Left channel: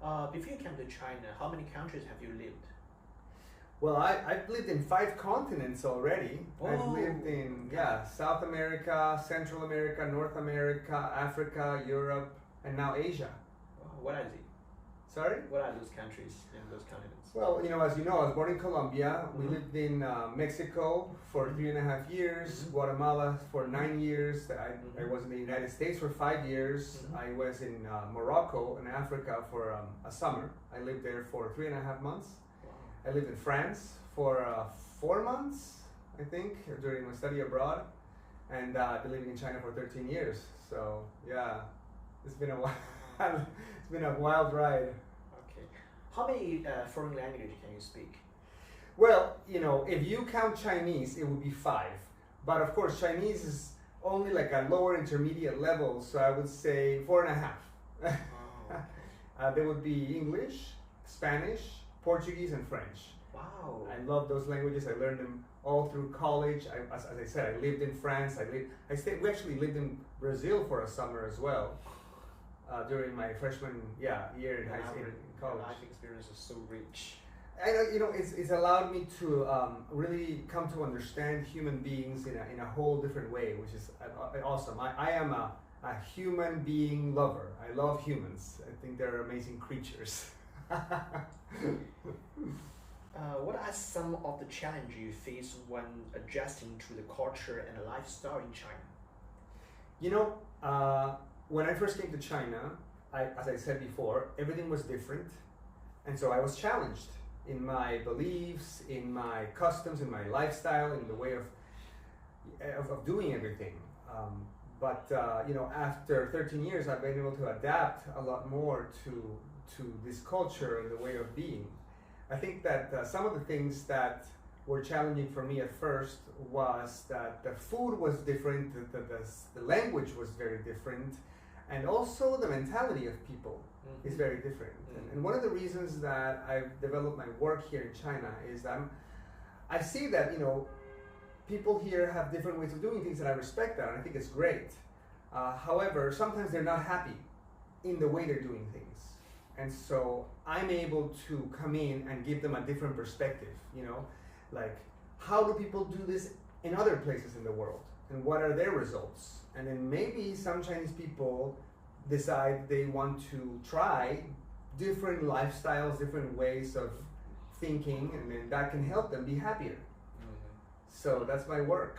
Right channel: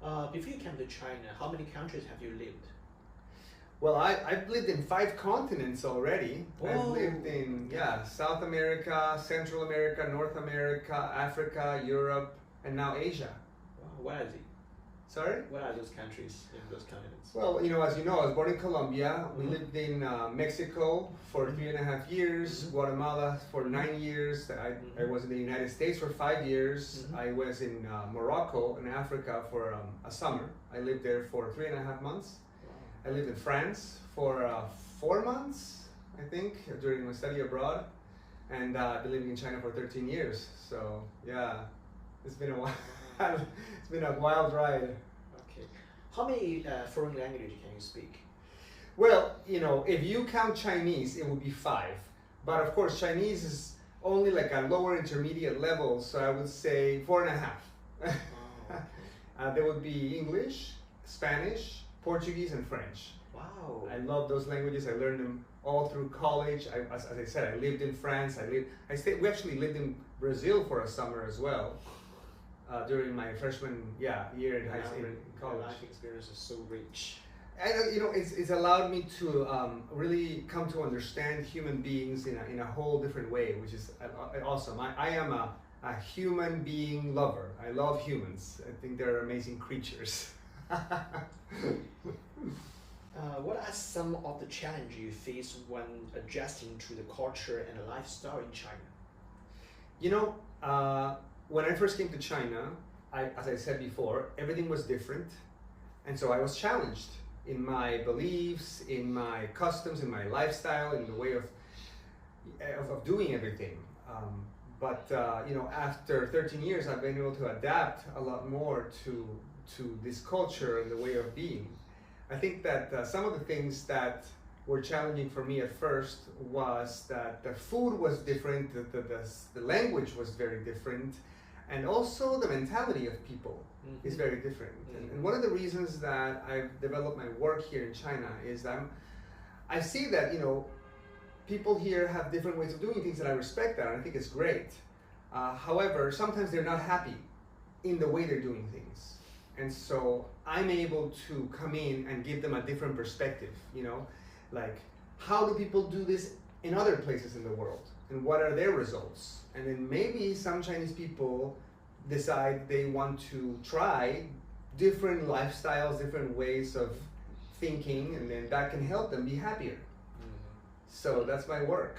Before you came to China, how many countries have you lived? Well, I've lived in 5 continents already. I've Oh, lived in South America, Central America, North America, Africa, Europe, and now Asia. Wow, what are they? Sorry? What are those countries in those continents? Well, as you know, I was born in Colombia. We lived in Mexico for 3.5 years, Guatemala for 9 years. I was in the United States for 5 years. I was in Morocco in Africa for a summer. I lived there for 3.5 months. I lived in France for 4 months, I think, during my study abroad. And I've been living in China for 13 years. So, yeah, it's been a while. It's been a wild ride. Okay. How many foreign languages can you speak? Well, if you count Chinese, it would be 5. But of course, Chinese is only like a lower intermediate level, so I would say 4.5. Oh, okay. There would be English, Spanish, Portuguese, and French. Wow. I love those languages. I learned them all through college. As I said, I lived in France. We actually lived in Brazil for a summer as well. During my freshman year in college. Life experience is so rich. And it's allowed me to really come to understand human beings in a whole different way, which is awesome. I am a human being lover. I love humans. I think they're amazing creatures. What are some of the challenges you face when adjusting to the culture and lifestyle in China? When I first came to China, as I said before, everything was different. And so I was challenged in my beliefs, in my customs, in my lifestyle, in the way of doing everything. But after 13 years, I've been able to adapt a lot more to this culture and the way of being. I think that some of the things that were challenging for me at first was that the food was different, the language was very different, and also the mentality of people is very different. And one of the reasons that I've developed my work here in China is that I see that people here have different ways of doing things, and I respect that, and I think it's great. However, sometimes they're not happy in the way they're doing things. And so I'm able to come in and give them a different perspective, like how do people do this in other places in the world? And what are their results? And then maybe some Chinese people decide they want to try different lifestyles, different ways of thinking, and then that can help them be happier. So that's my work.